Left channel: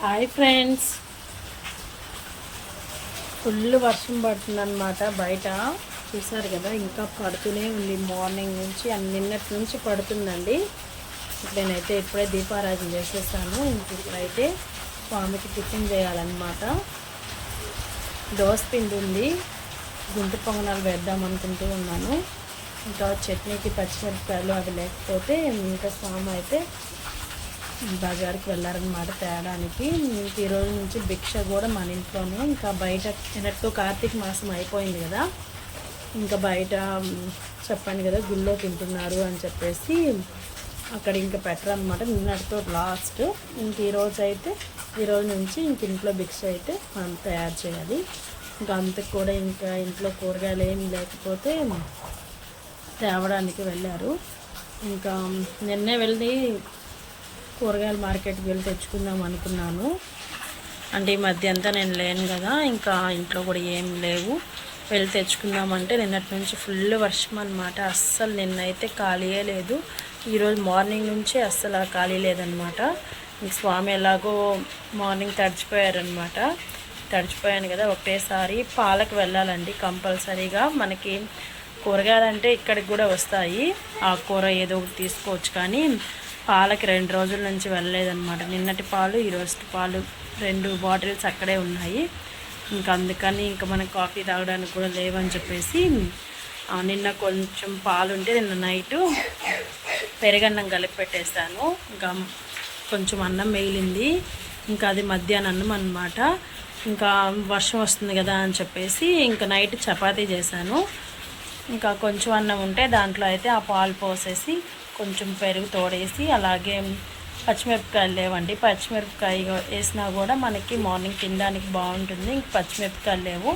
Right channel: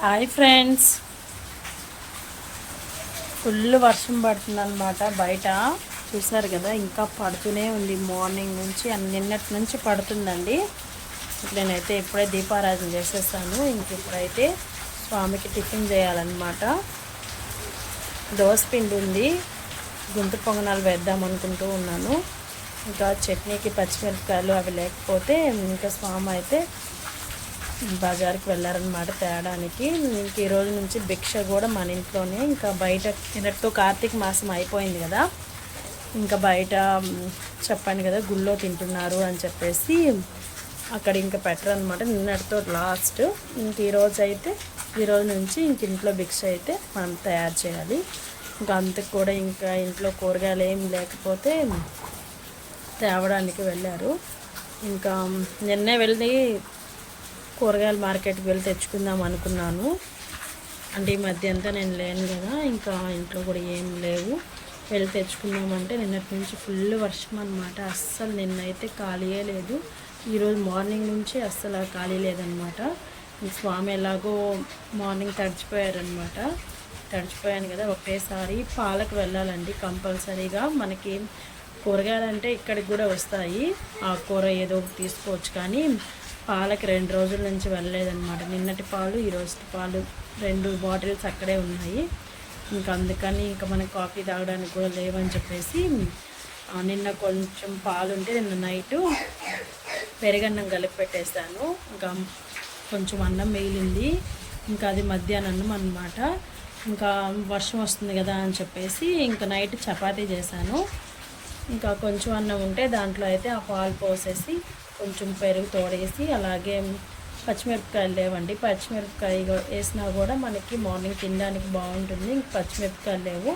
Hi friends, full వర్షం పడుతుందన్నమాట. బయట చూసారు కదా, ఇంకా పడుతూనే ఉంది. మార్నింగ్ నుంచి నిన్నటి నుంచి పడుతుందండి. నేనైతే ఇప్పుడే దీపారాధన చేసేసాను. ఇంక ఇప్పుడైతే స్వామికి టిఫిన్ చేయాలన్నమాట. దోసపిండి ఉంది, గుంత పొంగనాలు వేద్దాం అనుకుంటూ ఉన్నాను. ఇంకా చట్నీకి పచ్చిమిరపకాయలు అవి లేకపోతే ఇంకా స్వామి అయితే బజార్కి వెళ్ళారనమాట తేడానికి. ఇంక ఈ రోజు నుంచి భిక్ష కూడా మన ఇంట్లోనే. ఇంకా బయట తినట్టు కార్తీక మాసం అయిపోయింది కదా, ఇంకా బయట చెప్పాను కదా గుళ్ళో తింటున్నారు అని చెప్పేసి అక్కడ ఇంకా పెట్టరు అనమాట. నిన్నటితో లాస్ట్. ఇంక ఈరోజు నుంచి ఇంక ఇంట్లో భిక్ష అయితే మనం తయారు చేయాలి. ఇంకా అంతకు కూడా ఇంకా ఇంట్లో కూరగాయలు ఏమి లేకపోతే తేవడానికి వెళ్ళారు. ఇంకా నిన్నే వెళ్ళి కూరగాయల మార్కెట్కి వెళ్ళి తెచ్చుకుందాం అనుకున్నాను. అంటే ఈ మధ్య అంతా నేను లేను కదా, ఇంకా ఇంట్లో కూడా ఏం లేవు. వెళ్ళి తెచ్చుకుందామంటే నిన్నటి నుంచి ఫుల్ వర్షం అనమాట. అస్సలు నిన్నైతే ఖాళీయే లేదు. ఈరోజు మార్నింగ్ నుంచి అస్సలు ఖాళీ లేదనమాట. ఇంక స్వామి ఎలాగో మార్నింగ్ తడిచిపోయారనమాట. తడిచిపోయాను కదా, ఒకటేసారి పాలకు వెళ్ళాలండి కంపల్సరీగా. మనకి కూరగాయలు అంటే ఇక్కడికి కూడా వస్తాయి, ఆ కూర ఏదో ఒకటి తీసుకోవచ్చు. కానీ పాలకి 2 రోజుల నుంచి వెళ్ళలేదన్నమాట. నిన్నటి పాలు ఈరోజు పాలు 2 బాటిల్స్ అక్కడే ఉన్నాయి. ఇంకా అందుకని ఇంకా మనకి కాఫీ తాగడానికి కూడా లేవని చెప్పేసి నిన్న కొంచెం పాలు ఉంటే నిన్న నైటు పెరుగన్నం కలిపి పెట్టేస్తాను. ఇంకా కొంచెం అన్నం మిగిలింది, ఇంకా అది మధ్యాహ్నం అన్నం అన్నమాట. ఇంకా వర్షం వస్తుంది కదా అని చెప్పేసి ఇంకా నైట్ చపాతీ చేశాను. ఇంకా కొంచెం అన్నం ఉంటే దాంట్లో అయితే ఆ పాలు పోసేసి కొంచెం పెరుగు తోడేసి, అలాగే పచ్చిమిరపకాయలు లేవండి, పచ్చిమిరపకాయ వేసినా కూడా మనకి మార్నింగ్ తినడానికి బాగుంటుంది. ఇంక పచ్చిమిరపకాయలు లేవు,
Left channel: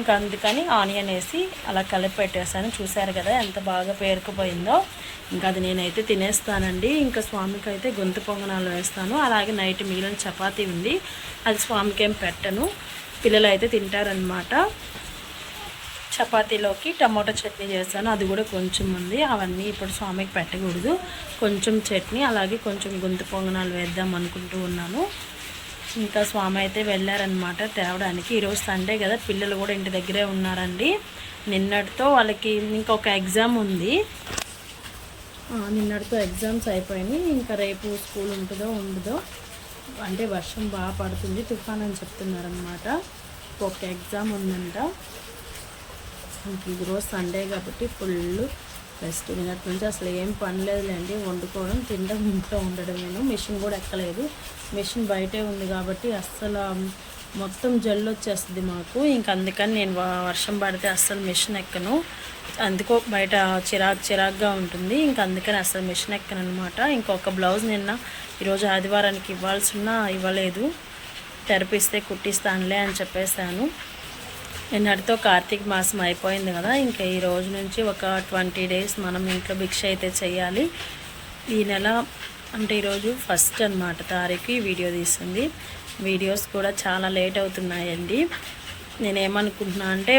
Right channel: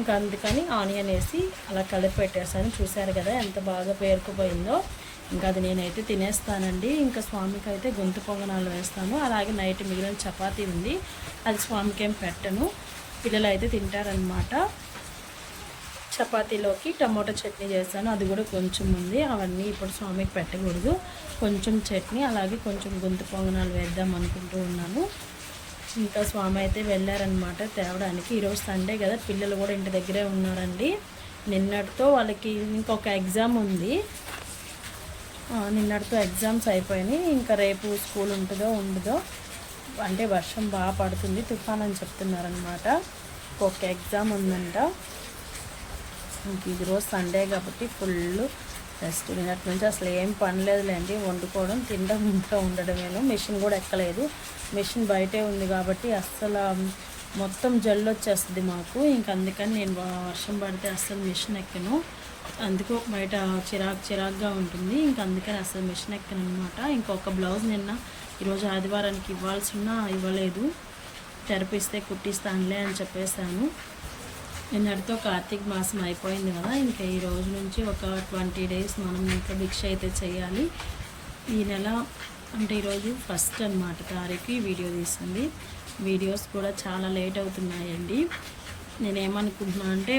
ఇంకా అందుకని ఆనియన్ వేసి అలా కలిపి పెట్టేసాను. చూసారు కదా ఎంత బాగా పేరుకుపోయిందో. ఇంకా అది నేనైతే తినేస్తానండి. ఇంకా స్వామికి అయితే గొంతు పొంగనాలు వేస్తాను. అలాగే నైట్ మిగిలిన చపాతీ ఉంది, అది స్వామికి ఏం పెట్టను, పిల్లలు అయితే తింటారనమాట. చపాతీలోకి టమాటో చట్నీ చేస్తాను, అది కూడా కొంచెం ఉంది. అవన్నీ ఇప్పుడు స్వామికి పెట్టకూడదు, కొంచెం చట్నీ అలాగే కొంచెం గొంతు పొంగనాలు వేద్దాం అనుకుంటూ ఉన్నాను. ఇంకా స్వామి అయితే వెళ్ళారనమాట తేవడానికి. ఈరోజు సండే కదా, పిల్లలు కూడా ఇంటి దగ్గరే ఉన్నారండి. నిన్నటితో వాళ్ళకి ఇంకొక ఎగ్జామ్ ఉంది, నిన్నటితో ఎగ్జామ్స్ అయిపోయినాయి. ఇంకా రేపు స్కూల్ ఉంటుందో ఉండదో, అంటే వర్షం బాగా పడుతుంది, తుఫాన్ అని చెప్తున్నారనమాట. ఒక ఎగ్జామ్ ఉందంట. ఇంక ఇది రోజు సండే కాబట్టి ఫుల్ రెస్ట్. నిన్నటి నుంచి అసలు ఏం పని లేదులేండి, వండుకోవడం తినడం ఇంట్లో ఉండడమేను. మెషిన్ కూడా ఎక్కలేదు, మెషిన్ బయటే ఉంది కాబట్టి అస్సలు మొత్తం జల్లు వచ్చేస్తుంది మాకు. ఇంక అందుకని నేను వర్షం పడితే అస్సలు మెషిన్ ఎక్కను, అందుకో బయట చిరాగ్గా ఉంటుంది. ఇంక అందుకని అసలు మెషిన్ ఎక్కను అనమాట. ఇంకొక బ్లౌజ్ నిన్న ఈరోజు ఆదివారానికి ఇవ్వలేదు, తెరపిస్తే కుట్టిస్తానులే అని చెప్పేశాను. నిన్నటితో కార్తీక మాసం అయిపోయింది కదా, ఇంకా ఈ రోజు నుంచి ఒక 20 days మనం ఇంట్లో భిక్ష అయితే చేయాలి. ఈ నెల అంటే ఈరోజు 1st అనమాట తారీఖు ఈ వీడియో తీసింది. వీడియోస్ కూడా చాలా లేట్ అవుతున్నాయండి. నేనేమనుకుంటున్నా అంటే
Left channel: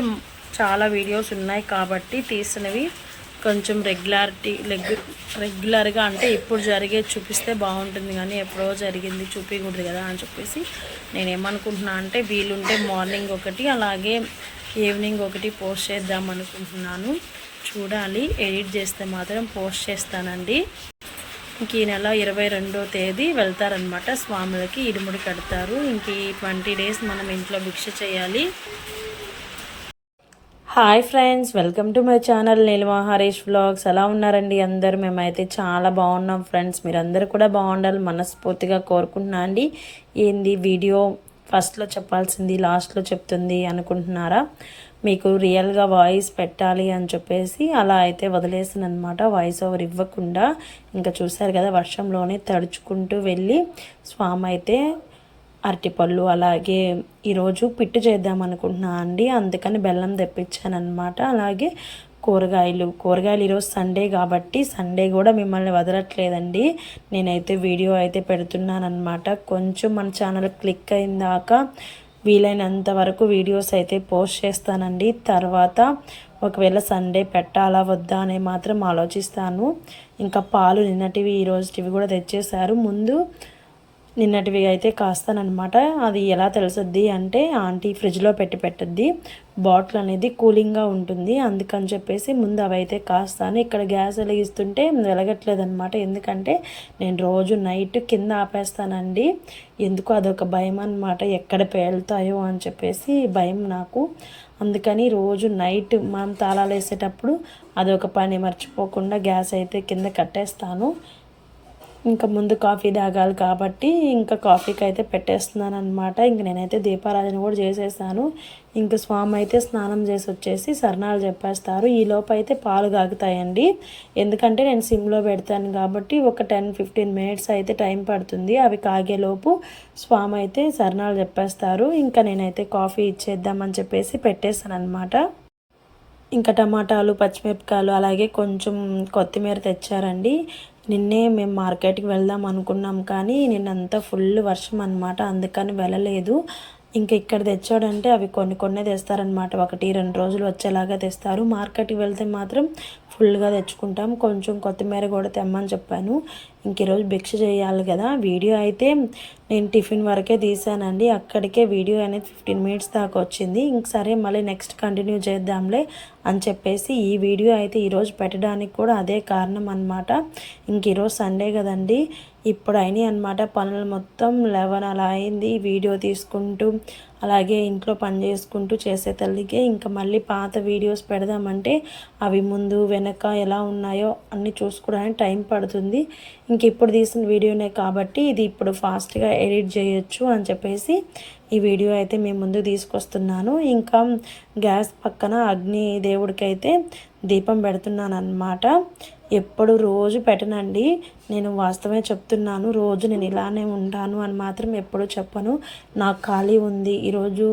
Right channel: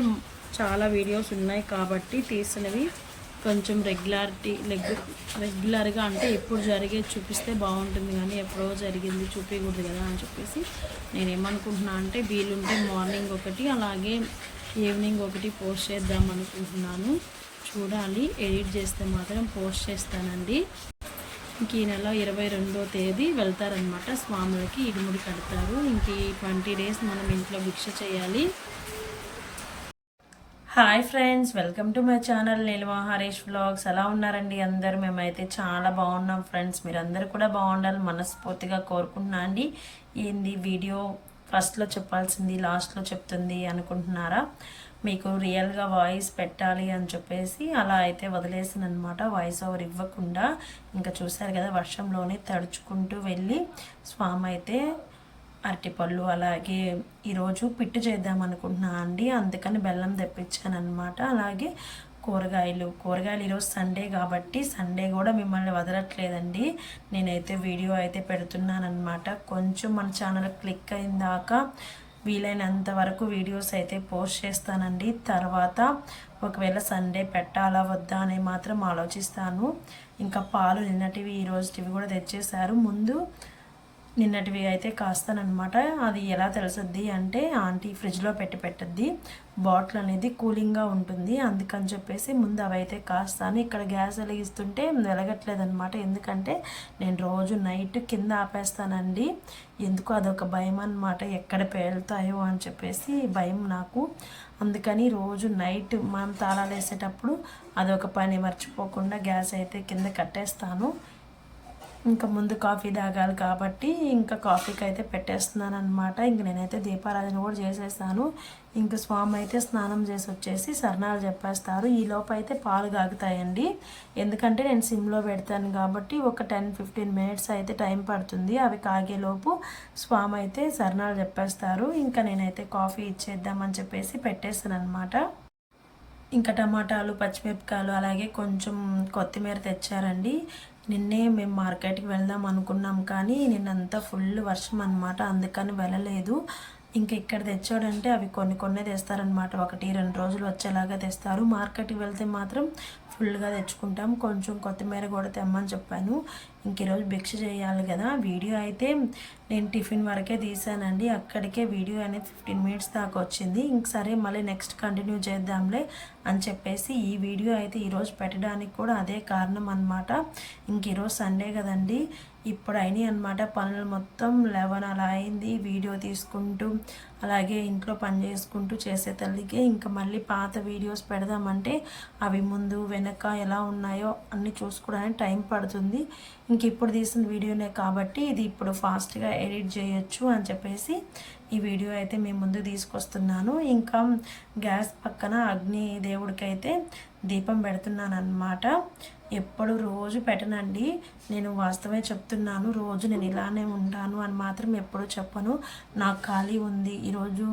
చాలా వీడియోస్ ఉన్నాయి కాబట్టి తీసినవి కొంచెం రెగ్యులర్గా అంటే ఇప్పుడు జరిగే చూపిస్తే బాగుంటుంది, కానీ ఎప్పుడో జరిగింది చూపించకూడదు కదా అని చెప్పేసి నేనేమనుకుంటున్నా అంటే వీలుంటే మార్నింగ్ ఒకటి అలాగే ఈవినింగ్ ఒకటి పోస్ట్ చేద్దాం అనుకుంటున్నాను. చూడాలి, ఎడిట్ చేస్తే మాత్రం పోస్ట్ చేస్తానండి. ఇంక ఈ నెల 22వ తేదీ వెళ్తారనమాట స్వాములకి, ఇరుముడి కడతారు. ఇంక ఈ 20 days మనం ఇంట్లో భిక్ష చేయాలి. Hi friends, welcome to my channel Neelima Harish vlogs. ఎలా ఉన్నారండి అందరూ? మేమైతే చాలా బాగున్నాం ఫ్రెండ్స్. మీరందరూ కూడా బాగుండాలి మనస్ఫూర్తిగా కోరుకుంటున్నా అండి. ఏంది వీడియో ఫస్ట్లో చెప్పాల్సింది లాస్ట్లో చెప్తుంది అనుకుంటున్నారా? మీకు రియల్గా వాయిస్ పెట్టాలి అని చెప్పేసి అలా అయితే వదిలేసాను అనమాట, వాయిస్ ఓవర్ ఇవ్వకుండా. ఇంకా చూసారు కదా, వర్షంలోనే తడుచుకుంటూ వెళ్ళి స్వామి అయితే అరటిపళ్ళు అలాగే ఈరోజు పిట్టు చేద్దాం అనుకుంటున్నా అండి, అందుకని బెల్లం తెప్పించాను అనమాట. అలాగే కూరగాయలు ఈరోజు సండే కాబట్టి సండే కూడా మిమ్మల్ని వదలట్లేదండి, నేనైతే వీడియో అయితే పెడుతున్నాను అనమాట. కొంచెం మన ఛానల్ క్లిక్ అయిన దాకా వీలైనంత వరకు వీడియోస్ అయితే పోస్ట్ చేస్తానండి. తర్వాత ఒకవేళ సండే పెట్టాలా వద్దా అని మాత్రం ఆలోచిస్తాను. ఇంకా పాలు నిన్నటివి ఈరోజుటివి కూడా తెచ్చేశారు. ముందు నిన్నటివి అయితే కాస్తానమాట. అది ఎలా తెలుసుద్ది అంటే ఆంటీ ఫ్రిడ్జ్లో పెట్టద్ది, బాటిల్ అనేది కూలింగ్గా ఉంటుంది, అందుకని చెప్పేసి ముందు అవి అయితే కాస్తాను. ఇక్కడ గ్యాస్ వెలిగిస్తుంటే వెలగట్లేదనమాట, ఎందుకంటే నేను రోజు నైట్ కింద ఆపేస్తానండి. ఎందుకు అదొక భయం అనమాట, ఎక్కడ పేలుతాయో అని చెప్పేసి భయం నాకు. అందుకని రోజు నైట్ మనం తాళాలు వేసేటప్పుడు అదొక పని మర్చిపోకుండా గ్యాస్ అయితే కింద కట్టేస్తాను. ఇంకా ముందు కాఫీ తాగాలి కాబట్టి ఇంకా కాఫీకి అయితే పెట్టేస్తున్నాను అనమాట. ఇంక నేనైతే దీపారాధన కూడా చేసేసాను. ఇంక స్వామి అయితే స్నానం చేసి వచ్చేసి సరణాలు చెప్పేస్తారు. ఈ లోపు అయితే పాలు కాగుతాయండి, ఎందుకంటే నేను సిమ్లో పెడతాను కాబట్టి ఒక 10-15 minutes అయితే టైం పడుతుంది. అవి కాగేలోపు స్వామి అయితే సరణాలు చెప్పేస్తారు. ఇంకా నేనైతే కాఫీ ఇచ్చేద్దామని చెప్పేసి పెట్టేస్తాను అనమాట. ఇంకా టమాటాలు పచ్చిమిరపకాయలు అలాగే కొంచెం కొత్తిమీర తెచ్చారండి. నిన్నే మేము మార్కెట్కి వెళ్దాం అనుకున్నాం, కానీ నిన్నంతా ఫుల్ వర్షం అనమాట, అందుకని వెళ్ళలేదు. ఇంకా ఇక్కడ తెచ్చాడంటే అవి కొన్ని తెస్తారనమాట, 1-2 రోజులు వచ్చేలాగా తెస్తారు. మార్కెట్కి వెళ్తే మాత్రం ఫుల్గా తెచ్చుకుంటాం. కొంచెం కొత్తిమీర కూడా తెమ్మని చెప్పాను. ఇంక ఈరోజు భిక్ష చేయాలి కదా. వీడియో అయితే నేను టిఫిన్ వరకే తీసానండి, అక్కడికే వీడియో అనేది 15 minutes దాకా వచ్చింది. ఇంక సరే మళ్ళీ నెక్స్ట్ కంటిన్యూ చేద్దాంలే అని చెప్పేసి ఈ వీడియో అయితే ఈరోజు పెట్టడానికి కూడా అదే కారణం అనమాట. ఇంక ఈరోజు సండే కదండి, ఇప్పుడు అయినాయి అనమాట పనులు మొత్తం. 11 అలా అయింది వీడియో తీసుకుంటూ అలాగే ఇంట్లో పని చేసుకుంటూ చేసే తల్లికే. ఇంకా మళ్ళీ పాత వీడియోస్ పెడదామంటే అవి ముందు వెనక ఎలా ఉన్నాయో అన్నీ చూసుకోవడానికి టైం పడుతుంది. ఇంక ఇప్పుడు తీసిన వీడియోనే కాబట్టి ఇది ఇప్పుడు ఫాస్ట్గా ఎడిట్ చేయొచ్చు అని చెప్పేసి ఈ వీడియో అయితే మేము ముందు తీసుకొస్తున్నాను. ఇంకా గ్యాస్ పక్కన అగ్ని దేవుడికి అయితే దీపం పెడుతున్నాను అన్నమాట. ఎప్పుడు రోజు పెట్టనండి, నేను వాస్తవమే చెప్తున్నాను. రోజు నేను ఇలానే ఉంటాను అని మాత్రం ఎప్పుడు చెప్పను. నాకు ఖాళీ ఉంది, ఈరోజు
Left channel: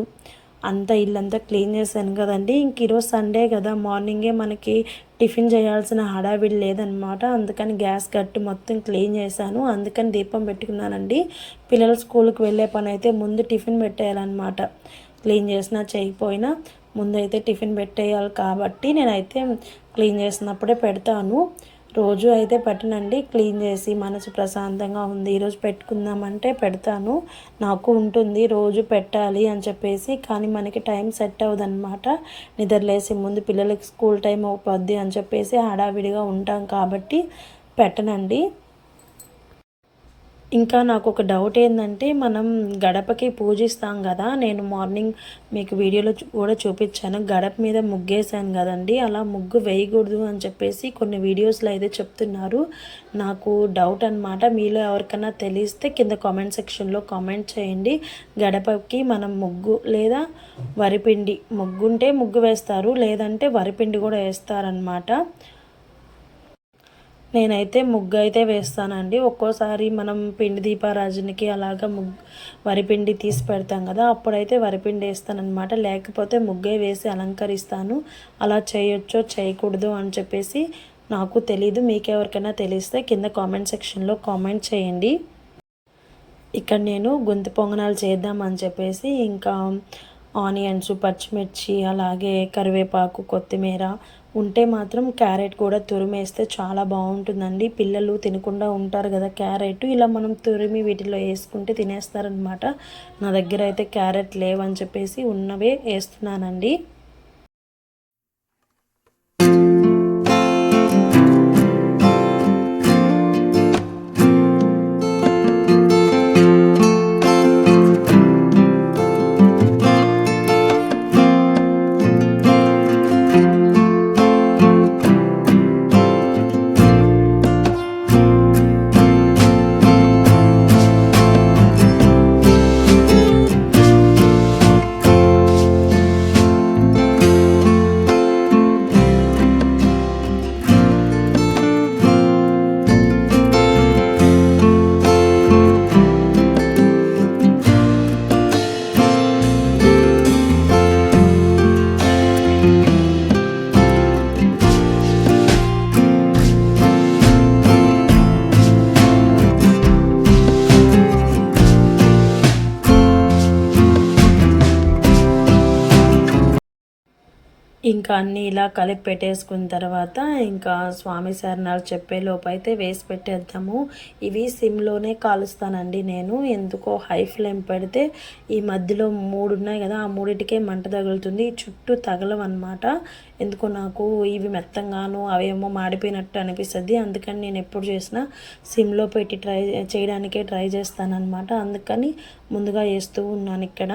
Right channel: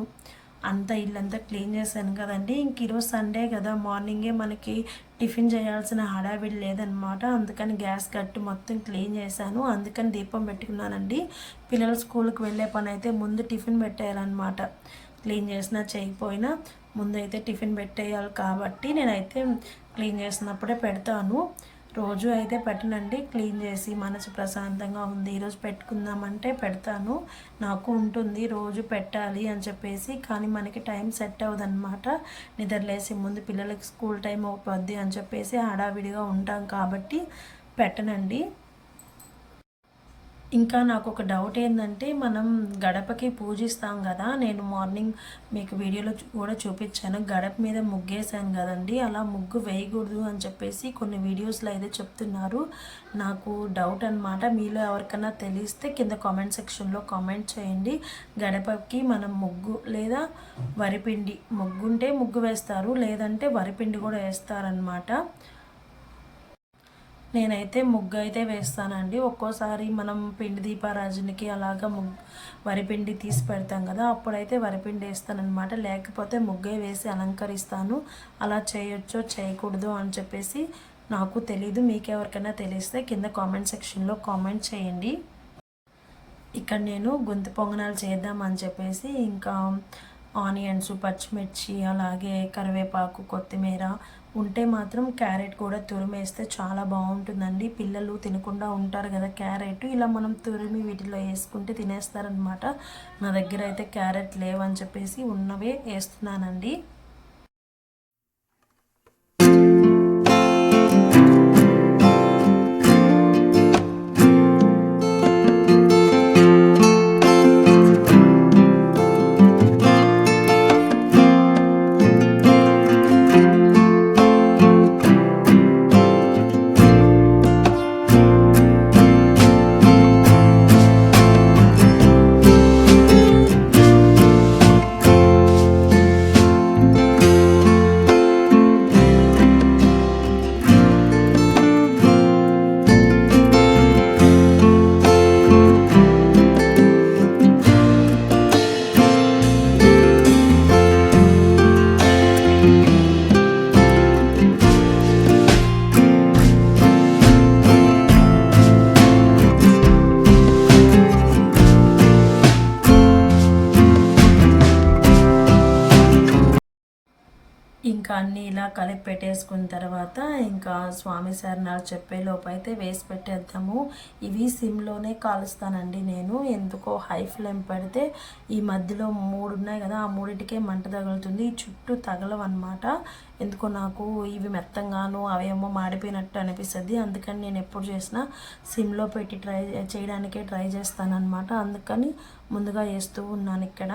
అంతా ఇల్లంతా క్లీన్ చేశాను కదండి. ఇంక ఈరోజు సండే కదా, మార్నింగే మనకి టిఫిన్ చేయాల్సిన హడావిడి లేదనమాట. అందుకని గ్యాస్ కట్టి మొత్తం క్లీన్ చేశాను, అందుకని దీపం పెట్టుకున్నానండి. పిల్లలు స్కూల్కి వెళ్ళే పని అయితే ముందు టిఫిన్ పెట్టేయాలన్నమాట. క్లీన్ చేసినా చేయకపోయినా ముందైతే టిఫిన్ పెట్టేయాలి కాబట్టి నేనైతే క్లీన్ చేసినప్పుడే పెడతాను. రోజు అయితే పెట్టనండి, క్లీన్ చేసి మనసు ప్రశాంతంగా ఉంది ఈరోజు పెట్టుకుందామంటే పెడతాను. నాకు ఉంటుంది రోజు పెట్టాలి అని చెప్పేసి, కానీ మనకి టైం సెట్ అవ్వదన్నమాట. నిద్రలేసి ముందు పిల్లలకి స్కూల్ టైం అవుతుంది అని చెప్పేసి హడావిడిగా ఉంటాం కాబట్టి పెట్టనండి. ఇంకా నాకు ఒక డౌట్ ఏంటంటే, మనం గడపకి పూజిస్తాం కదా, నేను మార్నింగ్ మీకు వీడియోలో కూడా చూపించాను, గడప మీద ముగ్గేసాను కదండి, అలా ముగ్గు వేయకూడదు అని చెప్పేసి కొన్ని వీడియోస్లో అయితే చెప్తున్నారు. నాకు డౌట్ అనమాట, మీలో ఎవరికైనా తెలిస్తే కింద కామెంట్ సెక్షన్లో కామెంట్ చేయండి. గడపకి మనం ముగ్గు లేదా వరిపిండి, ముగ్గుంటే ముగ్గు వేస్తారు, లేదంటే వరిపిండి కూడా వేస్తారనమాట. నేనైతే ముగ్గు అయితే వేస్తానండి. ఒక్కోసారి మనం పిండి దీపారాజునికి అలాగా వరిపిండి తీసి పెడతాం కదా, అప్పుడైతే వరిపిండి వేస్తానమాట. లేకపోతే ముగ్గే వేసి అలంకరిస్తాను. అలా చేయొచ్చో చేయకూడదు అని చెప్పేసి నాకు తెలీదు. మీకు ఎవరికైనా తెలిస్తే కింద కామెంట్ సెక్షన్లో కామెంట్ చేయండి. ఇక్కడ నేను గుంత పొంగనాలు చేద్దామని చెప్పేసి ఇంకా ఆనియన్స్, పచ్చిమిర్చి, అలాగే కరివేపాకు, కొత్తిమీర ఉంటే మాత్రం క్యారెట్ కూడా తురిమేస్తే చాలా బాగుంటుందండి. పిల్లలు తినకుండా ఉంటారు కదా క్యారెట్, ఇలా మనం తురిమి వీటిలో వేసుకుంటే తినేస్తారనమాట. నా దగ్గర అయితే క్యారెట్ లేవని చెప్పేసి ఉన్నవే వేస్తున్నానండి. ఇంకా అన్నీ ఇలా కలిపి పెట్టేసుకున్న తర్వాత ఇంకా స్వామి శరణాలు చెప్పే లోపు అయితే వేసి పెట్టేద్దాము. ఇవి సిమ్లోనే కాలుస్తానండి నేను, ఎందుకో హై ఫ్లేమ్ పెడితే ఈ మధ్యలో 3 ఉన్నాయి కదా, ఆ 3టికే మంట తగులుతుంది, చుట్టూ తగలవన్నమాట. ఎందుకో నాకు ఇవి మెత్తంగాను అవేమో మాడిపోయినట్టు అనిపిస్తుంది. అందుకని నేను ఎప్పుడు చేసినా సిమ్లో పెట్టి చేయడానికే ట్రై చేస్తానన్నమాట. అందుకని ముందుగా వేస్తూ ఉన్నాను. ఇక్కడ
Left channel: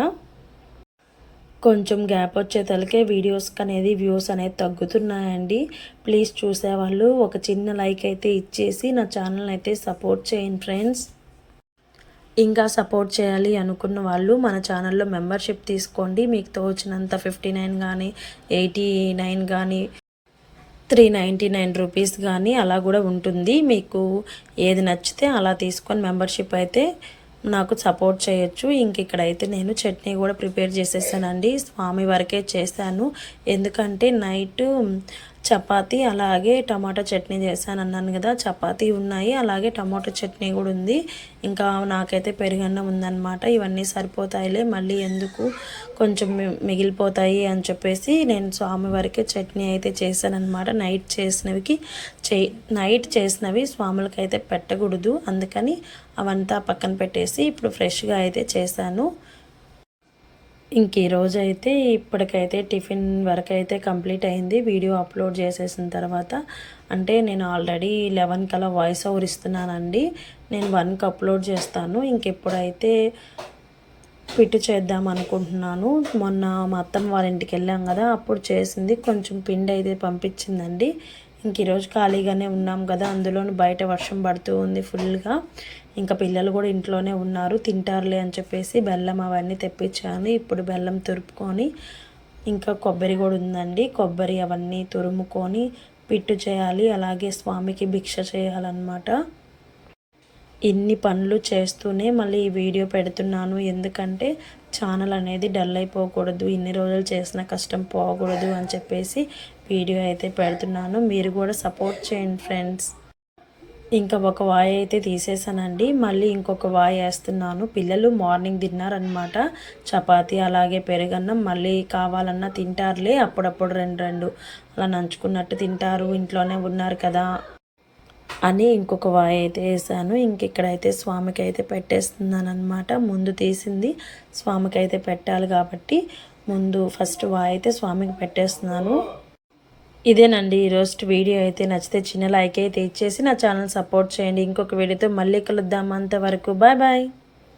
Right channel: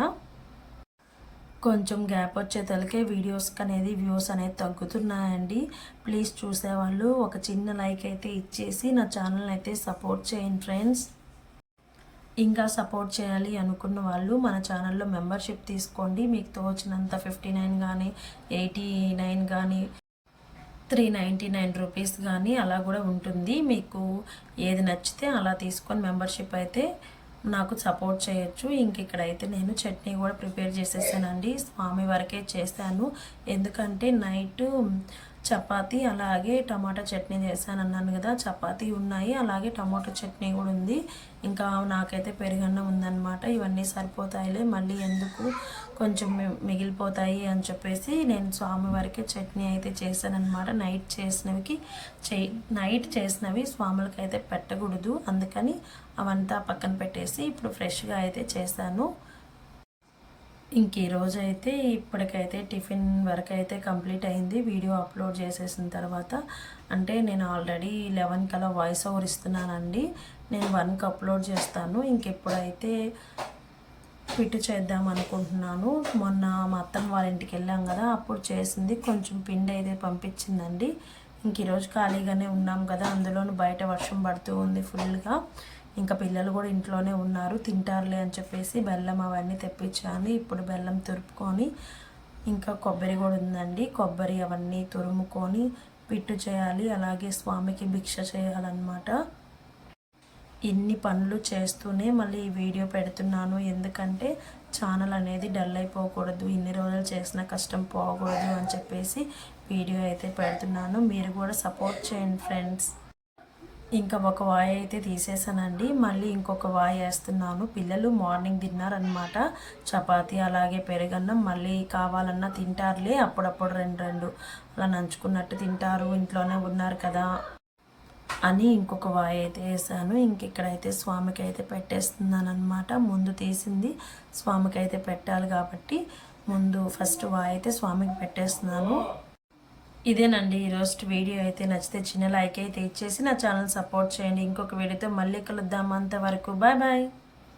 కొంచెం గ్యాప్ వచ్చేతలకే వీడియోస్కి అనేది వ్యూస్ అనేది తగ్గుతున్నాయండి. ప్లీజ్ చూసేవాళ్ళు ఒక చిన్న లైక్ అయితే ఇచ్చేసి నా ఛానల్ అయితే సపోర్ట్ చేయండి ఫ్రెండ్స్. ఇంకా సపోర్ట్ చేయాలి అనుకున్న వాళ్ళు మన ఛానల్లో మెంబర్షిప్ తీసుకోండి. మీకు తోచినంత 59 కానీ 89 కానీ 399 రూపీస్ కానీ అలా కూడా ఉంటుంది. మీకు ఏది నచ్చితే అలా తీసుకొని మెంబర్షిప్ అయితే నాకు సపోర్ట్ చేయొచ్చు. ఇంక ఇక్కడైతే నేను చట్నీ కూడా ప్రిపేర్ చేసేసానండి. స్వామి వరకే చేశాను, ఎందుకంటే నైట్ చపాతీ అలాగే టమాటా చట్నీ చేశాను అన్నాను కదా, చపాతీ ఉన్నాయి, అలాగే టమాటా చట్నీ కూడా ఉంది. ఇంకా నాకైతే పెరుగన్నం ఉందన్నమాట. ఇవన్నీ సరిపోతాయిలే, మళ్ళీ ఎందుకు కొంచెం మిగిలిపోతాయి అని చెప్పేసి నేను స్వామి వరకే చట్నీ అయితే చేశానన్నమాట. నైట్ చేసినవి స్వాములకి అయితే పెట్టకూడదు, అందుకని అవంతా పక్కన పెట్టేసి ఇప్పుడు ఫ్రెష్గా అయితే చేశాను. ఇంక ఈరోజు అయితే ఇప్పటికైతే టిఫిన్ వరకు అయితే కంప్లీట్ అయింది. వీడియో అప్లోడ్ చేసేసిన తర్వాత, అంటే నేను ఆల్రెడీ 11 కల్లా వాయిస్ ఓవర్ ఇస్తున్నానండి, నేను 1కి అప్లోడ్ చేస్తాను. ఇంకెప్పుడైతే పిట్టు చేద్దాం అనుకుంటున్నాను. మొన్న మా అత్తమ్మ వాళ్ళ ఇంటికి వెళ్ళాం కదా, అప్పుడు చేసింది కొంచెం పిండి అయితే పంపించిందండి. ఇంక ఈరోజు ఖాళీగానే ఉన్నాం కదా, అందులోనూ బయట వర్షం పడుతూ ఉంది ఫుల్గా. ఇంకా పిల్లలు కూడా ఇంట్లోనే ఉన్నారు, తింటారులే అని చెప్పేసి బెల్లం అవన్నీ తెప్పించాను. ఇప్పుడు బెల్లం తురుపుకొని ఇంకా కొబ్బరి కూడా ఉందండి. కొబ్బరి అవన్నీ తురుముకొని పిట్టు చేయాలి, అలాగే స్వామికి భిక్ష చేయాలన్నమాట. ఇన్ని పనులు చేస్తూనే మళ్ళీ ఈ వీడియో పెడుతున్నాను. ఎందుకంటే ఛానల్ అనేది డల్ అయిపోకూడదు, ఇన్ని రోజులు చేసిన కష్టం పోకూడదు అని చెప్పేసి వీడియో అయితే పెడుతున్నాను. మీరు కూడా సపోర్ట్ చేయండి ఫ్రెండ్స్. ఇంకా ఒక వాయి అయితే తీసేసానండి, మళ్ళీ ఇంకొక వాయి వేస్తున్నాను. పిల్లలు మార్నింగ్ తిన్నారనమాట చపాతీ అలాగే పెరుగన్నం. మళ్ళీ కావాలన్నా తింటారులే, అప్పుడప్పుడు రెండు అలా నంచుకున్నట్టు తింటారు, ఇంట్లోనే ఉన్నారు కదా అని ఇంకొక వాయి అయితే వేసాను. ఇక్కడైతే స్వామికి అయితే పెట్టేస్తున్నాను అనమాట. ముందు తీసింది స్వామికి అయితే పెట్టాలి కాబట్టి ముందు ఫస్ట్ వాయి అయితే స్వామికి పెట్టేస్తున్నాను. ఇదేనండి ఈరోజు వీడియో. అయితే నచ్చితే చిన్న లైక్ అయితే ఇచ్చేసి నా ఛానల్ సపోర్ట్ చేయండి. ఇంకొక వీడియోతో మళ్ళీ కలుద్దాం. అంతవరకు బాయ్ బాయ్.